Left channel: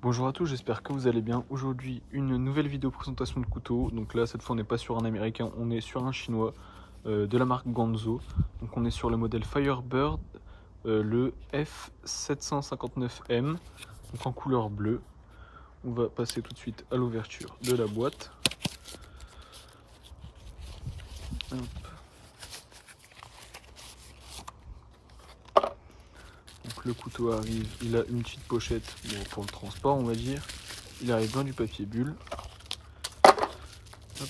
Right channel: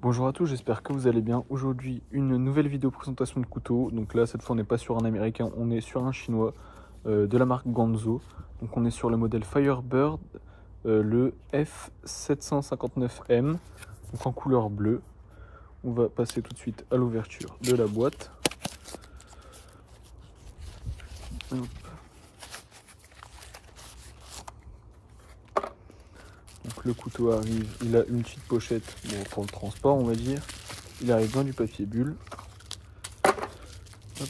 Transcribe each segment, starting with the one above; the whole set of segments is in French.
Bonjour à tous, j'espère que vous allez bien. Aujourd'hui, une nouvelle vidéo présentation de couteau. Donc là, cette fois, on n'est pas sur un américain, on est sur un chinois de la marque Ganzo. Donc on est sur le modèle Firebird, le F759M, donc en couleur bleue. On va passer tout de suite à l'ouverture de la boîte. Hop. Donc le couteau arrive, il a une petite pochette pour le transport, on va dire. Il arrive dans du papier bulle. Hop.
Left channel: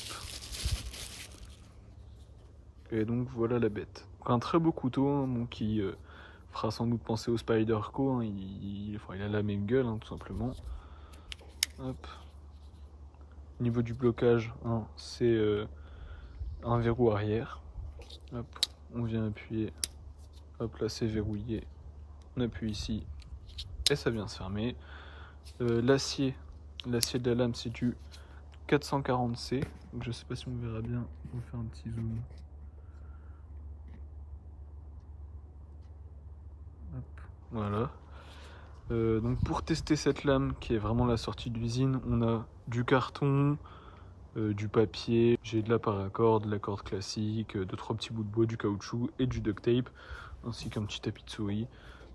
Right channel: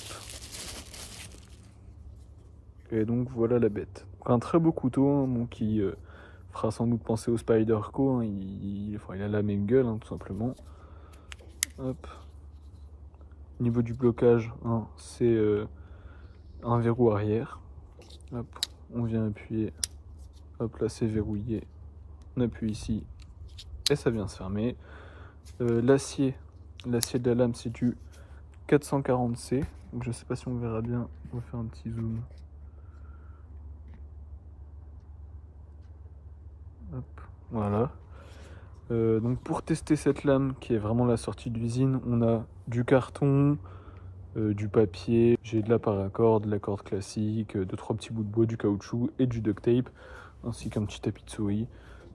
Et donc voilà la bête. Donc, un très beau couteau hein, qui fera sans doute penser au Spyderco. Hein, il a la même gueule hein, tout simplement. Hop. Au niveau du blocage, hein, c'est un verrou arrière. Hop. On vient appuyer. Hop là c'est verrouillé. On appuie ici et ça vient se fermer. L'acier de la lame c'est du 440C. Donc je sais pas si on verra bien. On va faire un petit zoom. Hop. Voilà. Donc pour tester cette lame qui est vraiment la sortie d'usine, on a du carton, du papier, j'ai de la paracord, de la corde classique, 2-3 petits bouts de bois, du caoutchouc et du duct tape, ainsi qu'un petit tapis de souris.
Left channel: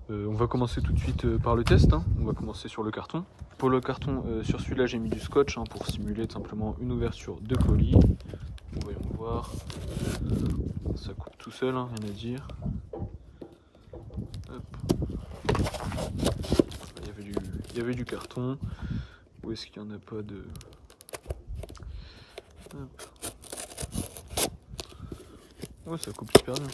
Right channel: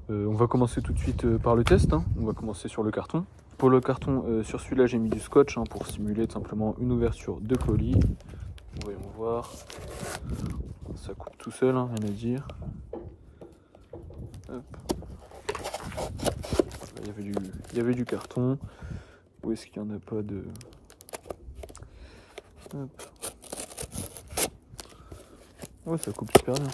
On va commencer tout de suite par le test, hein. On va commencer sur le carton. Pour le carton, sur celui-là j'ai mis du scotch hein, pour simuler tout simplement une ouverture de colis. Voyons voir. Ça coupe tout seul, hein, rien à dire. Hop. Il y avait du carton. Où est-ce qu'il n'y en a pas de... Hop. Ouais, ça coupe super bien.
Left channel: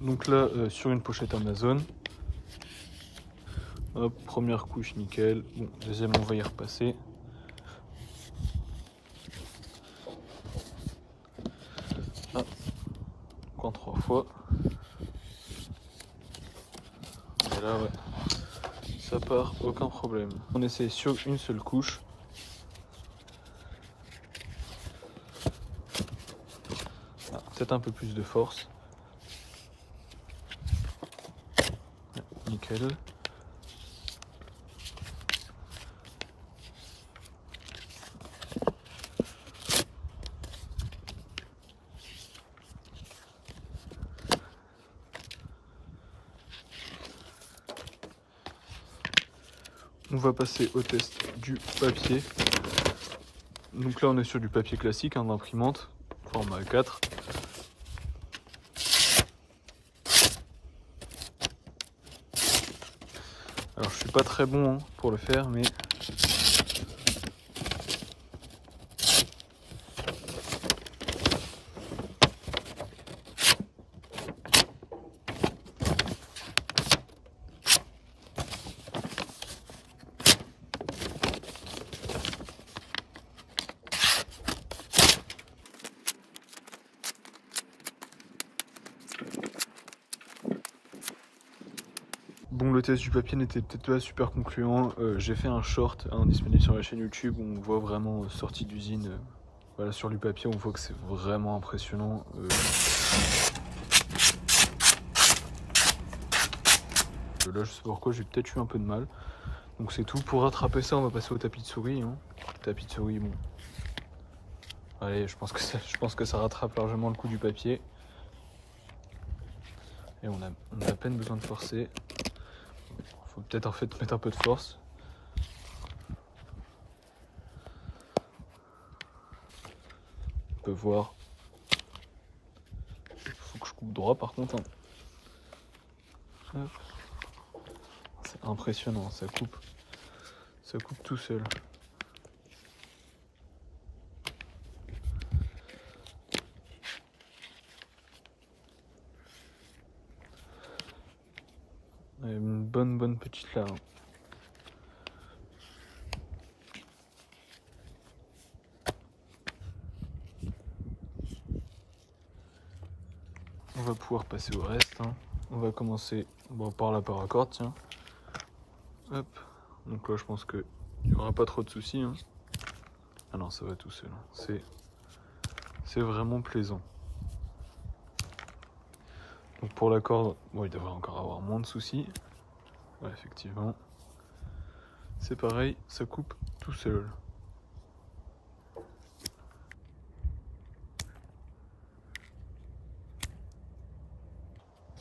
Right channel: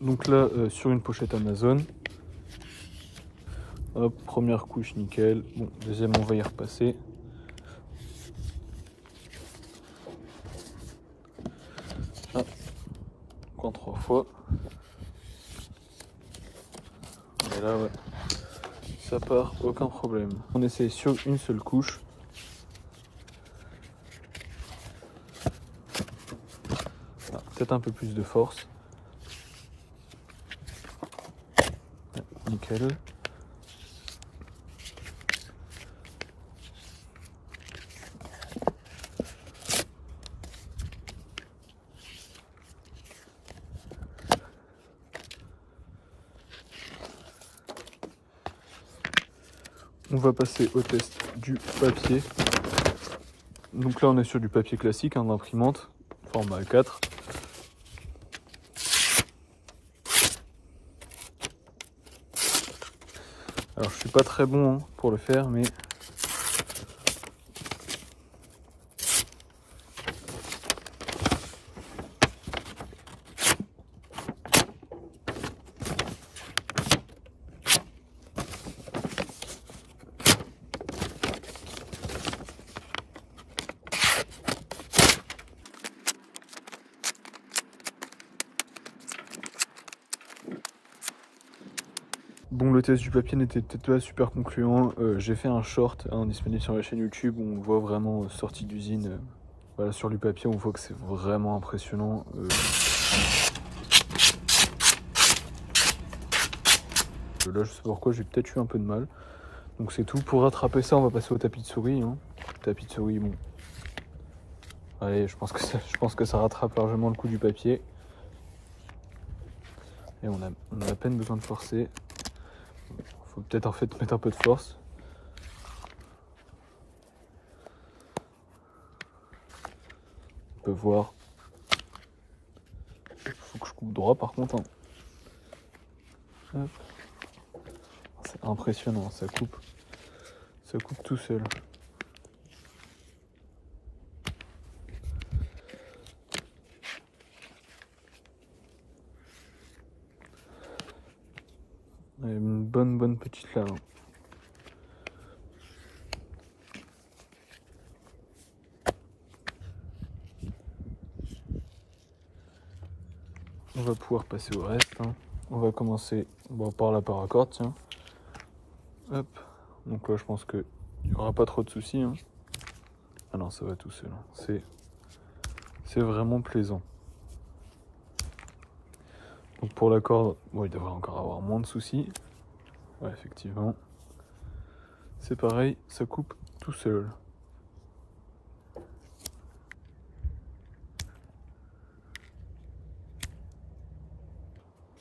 Donc là, sur une pochette Amazon. Hop, première couche nickel. Bon, deuxième, on va y repasser. Ah, encore 3 fois. Et là, ouais, ça part, aucun problème. On essaie sur une seule couche. Ah, peut-être un peu plus de force. Ouais, nickel. On va passer au test du papier. Donc là on est sur du papier classique, hein, d'imprimante, format A4. Alors je suis pas très bon hein, pour le faire, mais... Bon, le test du papier n'était peut-être pas super concluant. J'ai fait un short hein, disponible sur la chaîne YouTube où on voit vraiment sortie d'usine. Voilà, sur du papier, on voit que c'est vraiment impressionnant. Là, je sais pas pourquoi, j'ai peut-être eu un peu de mal. Donc c'est tout. Pour rattraper ça, on va passer au tapis de souris. Hein. Tapis de souris, bon. Allez, je pense que ça rattrape largement le coup du papier. Et on a à peine besoin de forcer. Faut peut-être en fait mettre un peu de force. On peut voir. Faut que je coupe droit par contre. Hein. Hop. C'est impressionnant, ça coupe tout seul. Une bonne petite lame. On va pouvoir passer au reste. Hein. On va commencer par la paracorde, tiens. Hop. Donc là, je pense qu'il n'y aura pas trop de soucis. Hein. Ah non, ça va tout seul. Hein. C'est vraiment plaisant. Donc pour la corde, il devrait encore avoir moins de soucis. Ouais, effectivement. C'est pareil, ça coupe tout seul.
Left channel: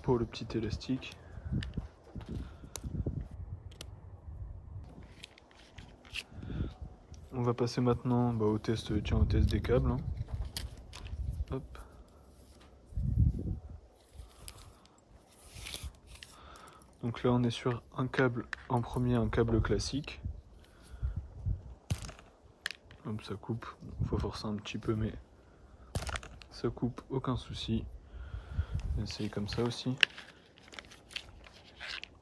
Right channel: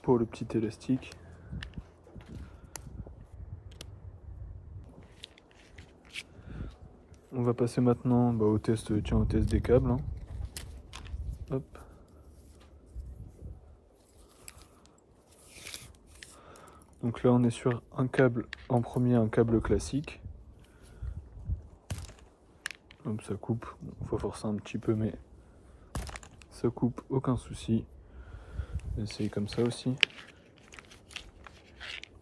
Pour le petit élastique. On va passer maintenant au test des câbles. Hein. Hop. Donc là on est sur un câble, en premier un câble classique. Hop, ça coupe, faut forcer un petit peu mais ça coupe, aucun souci. On va essayer comme ça aussi.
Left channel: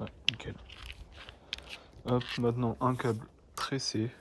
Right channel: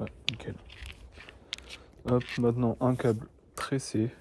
Ouais, nickel. Hop, maintenant un câble tressé.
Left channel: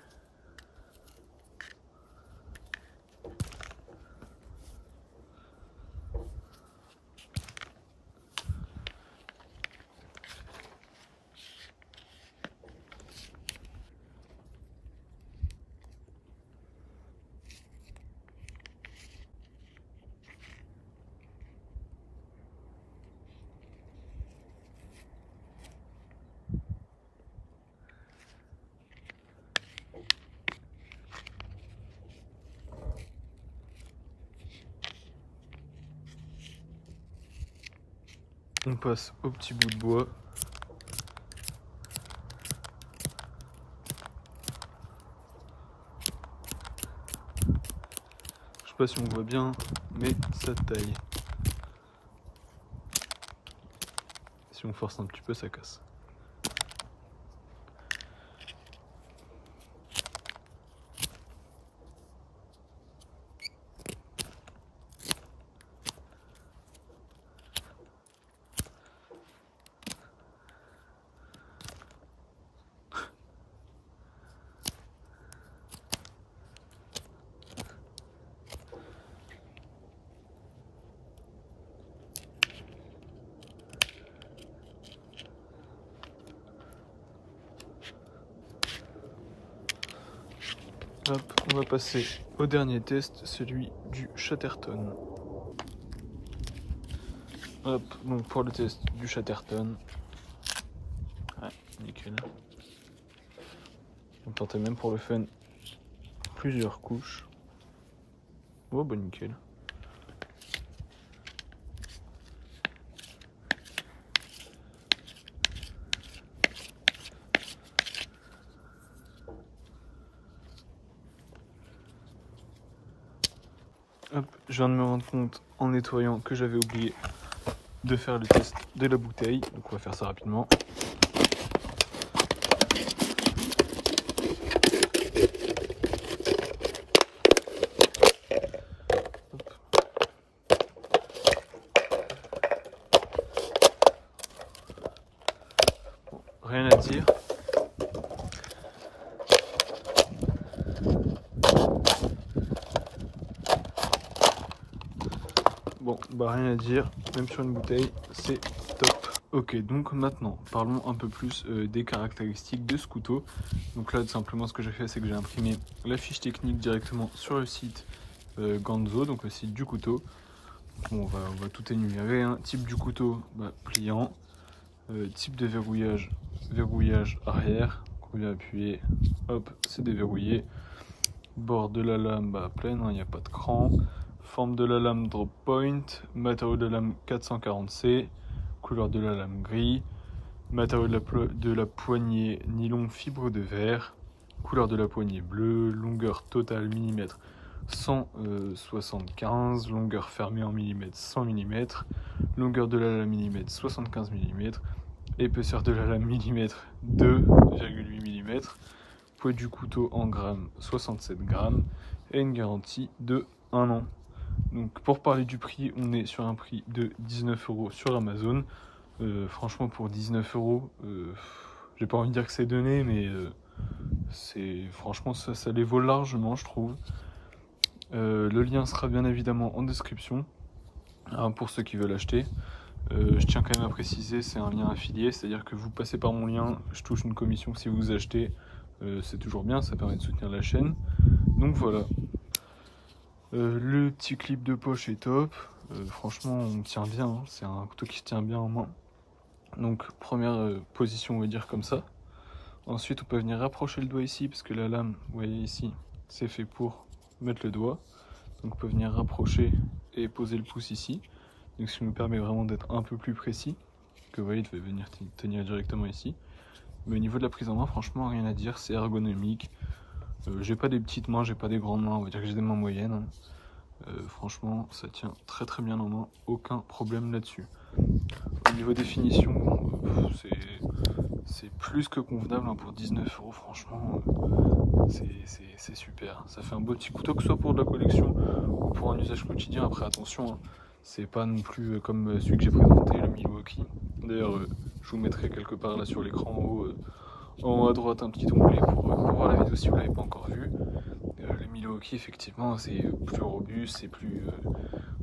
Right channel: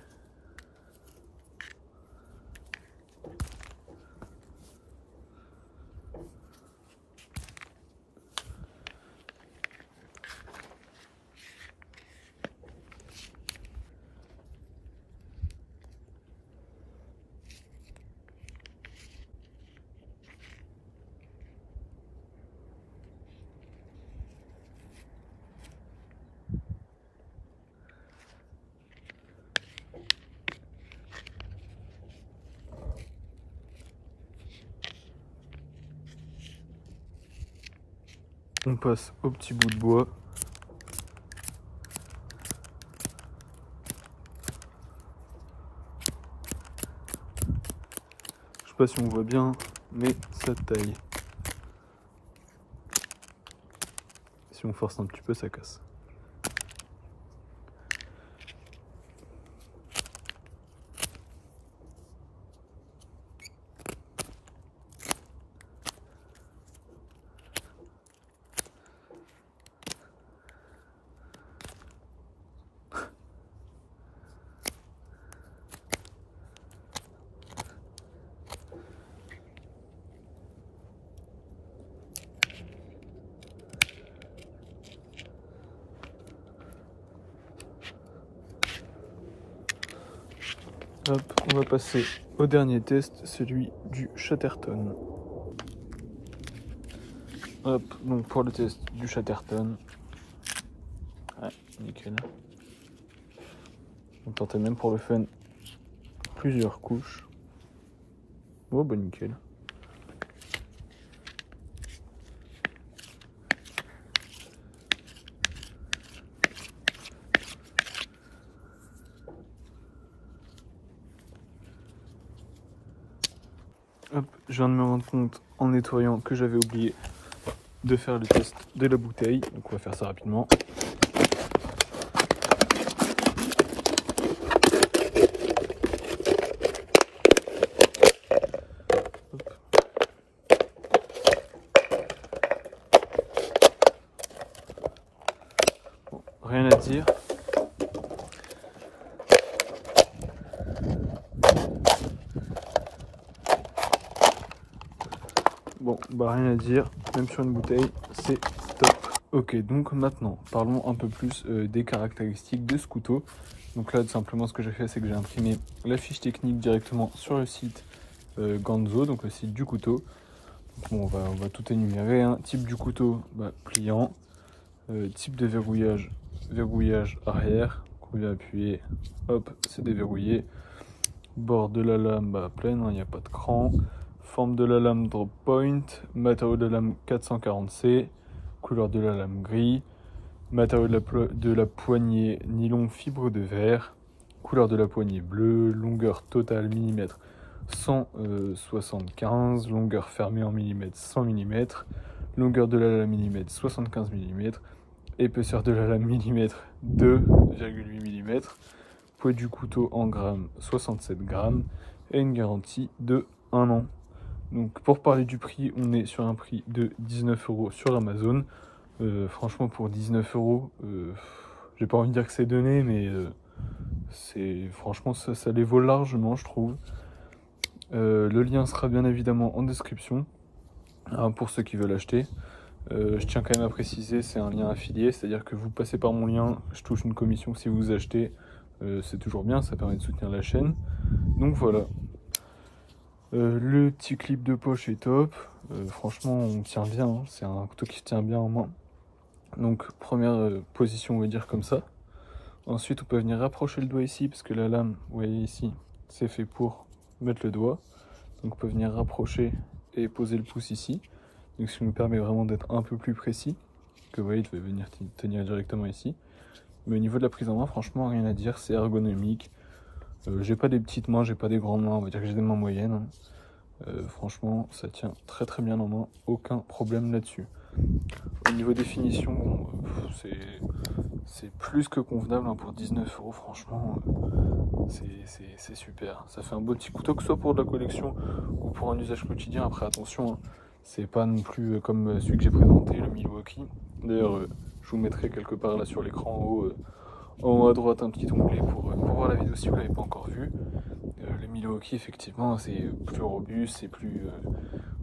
On passe au petit bout de bois. Je sais pas si on voit bien, mais ça taille. Si on force un petit peu, ça casse. Hop, on va passer au dernier test, celui du Chatterton. Hop, donc pour le test du Chatterton. Ouais, nickel. On tentait même pour le fun plusieurs couches. Oh bah nickel. Hop, je viens de me rendre compte en nettoyant que j'avais oublié de faire le test de la bouteille. Donc on va faire ça rapidement. Hop. Bon, rien à dire. Bon, rien à dire, même sur une bouteille, c'est top. Ok, donc maintenant, parlons un peu plus des caractéristiques de ce couteau. Donc là, tout simplement, ce que j'ai fait, c'est que j'ai imprimé la fiche technique directement sur le site Ganzo, donc le site du couteau. Bon, on va tout énumérer. Hein. Type du couteau, pliant. Type de verrouillage arrière. On vient appuyer, hop, c'est déverrouillé. Bord de la lame pleine, il n'y a pas de cran. Forme de la lame drop point, matériau de la lame 440C, couleur de la lame gris, matériau de la poignée nylon fibre de verre, couleur de la poignée bleue, longueur totale millimètre 175, longueur fermée en millimètres 100 mm, longueur de la lame millimètre 75 mm, Épaisseur de la lame millimètre 2,8 mm. Poids du couteau en grammes 67 grammes. Et une garantie de 1 an. Donc pour parler du prix, on est sur un prix de 19 € sur Amazon. Franchement pour 19 €, j'ai pas envie de dire que c'est donné, mais franchement ça les vaut largement, je trouve. Le lien sera bien évidemment en description pour ceux qui veulent acheter. Je tiens quand même à préciser, c'est un lien affilié, c'est-à-dire que vous passez par mon lien, je touche une commission si vous achetez, c'est toujours bien, ça permet de soutenir la chaîne. Donc voilà. Le petit clip de poche est top, franchement on tient bien, hein. C'est un couteau qui se tient bien en main. Donc première position, on va dire comme ça. Ensuite on peut venir rapprocher le doigt ici, parce que la lame, vous voyez ici, c'est fait pour mettre le doigt. Donc on peut venir rapprocher et poser le pouce ici. Donc ce qui nous permet vraiment d'être un peu plus précis. Que vous voyez, il devait venir tenir directement ici. Mais au niveau de la prise en main, franchement rien à dire, c'est ergonomique. J'ai pas des petites mains, j'ai pas des grandes mains, on va dire que j'ai des mains moyennes. Franchement ça tient très très bien en main, aucun problème là-dessus. Au niveau définition, c'est plus que convenable hein, pour 19 €, franchement, c'est super. Ça fait un beau petit couteau, que ce soit pour de la collection ou pour un usage quotidien. Après attention, hein, c'est pas non plus comme celui que j'ai présenté, le Milwaukee. D'ailleurs, je vous mettrai quelque part là sur l'écran en haut à droite un petit onglet pour voir la vidéo si vous l'avez pas encore vu. Le Milwaukee, effectivement, c'est plus robuste, c'est plus...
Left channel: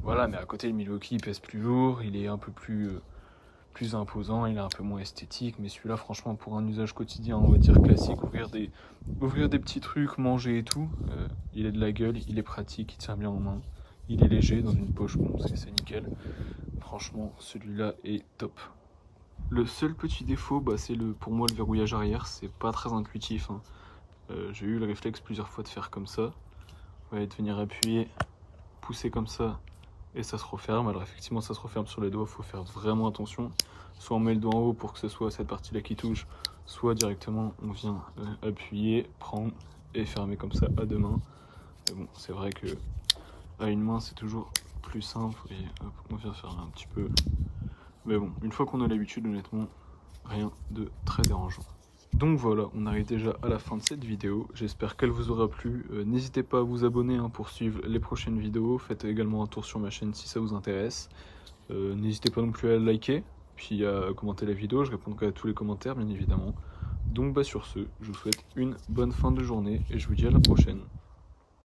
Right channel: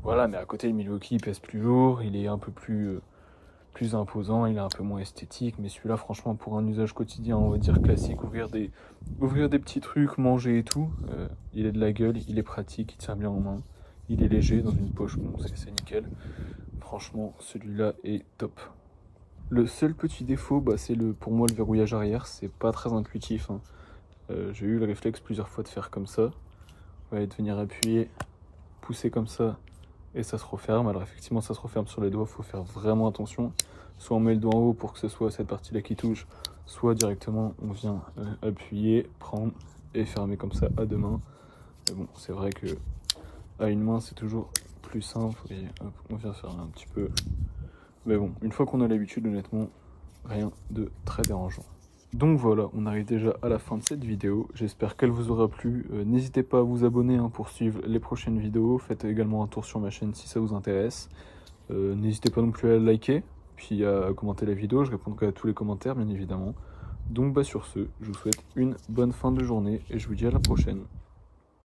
voilà, mais à côté, le Milwaukee, il pèse plus lourd, il est un peu plus imposant, il est un peu moins esthétique, mais celui-là, franchement, pour un usage quotidien, on va dire classique, ouvrir des petits trucs, manger et tout, il est de la gueule, il est pratique, il tient bien en main, il est léger, dans une poche, bon, c'est nickel. Franchement, celui-là est top. Le seul petit défaut, bah, c'est pour moi le verrouillage arrière, c'est pas très intuitif, hein. J'ai eu le réflexe plusieurs fois de faire comme ça. Vous voyez, de venir appuyer, pousser comme ça, et ça se referme. Alors effectivement, ça se referme sur les doigts, il faut faire vraiment attention. Soit on met le doigt en haut pour que ce soit cette partie-là qui touche, soit directement on vient appuyer, prendre et fermer comme ça à deux mains. Mais bon, c'est vrai que à une main, c'est toujours plus simple. Et hop, on vient faire un petit peu. Mais bon, une fois qu'on a l'habitude, honnêtement, rien de très dérangeant. Donc voilà, on arrive déjà à la fin de cette vidéo, j'espère qu'elle vous aura plu. N'hésitez pas à vous abonner hein, pour suivre les prochaines vidéos, faites également un tour sur ma chaîne si ça vous intéresse. N'hésitez pas non plus à liker, puis à commenter la vidéo, je répondrai à tous les commentaires bien évidemment. Donc bah sur ce, je vous souhaite une bonne fin de journée et je vous dis à la prochaine.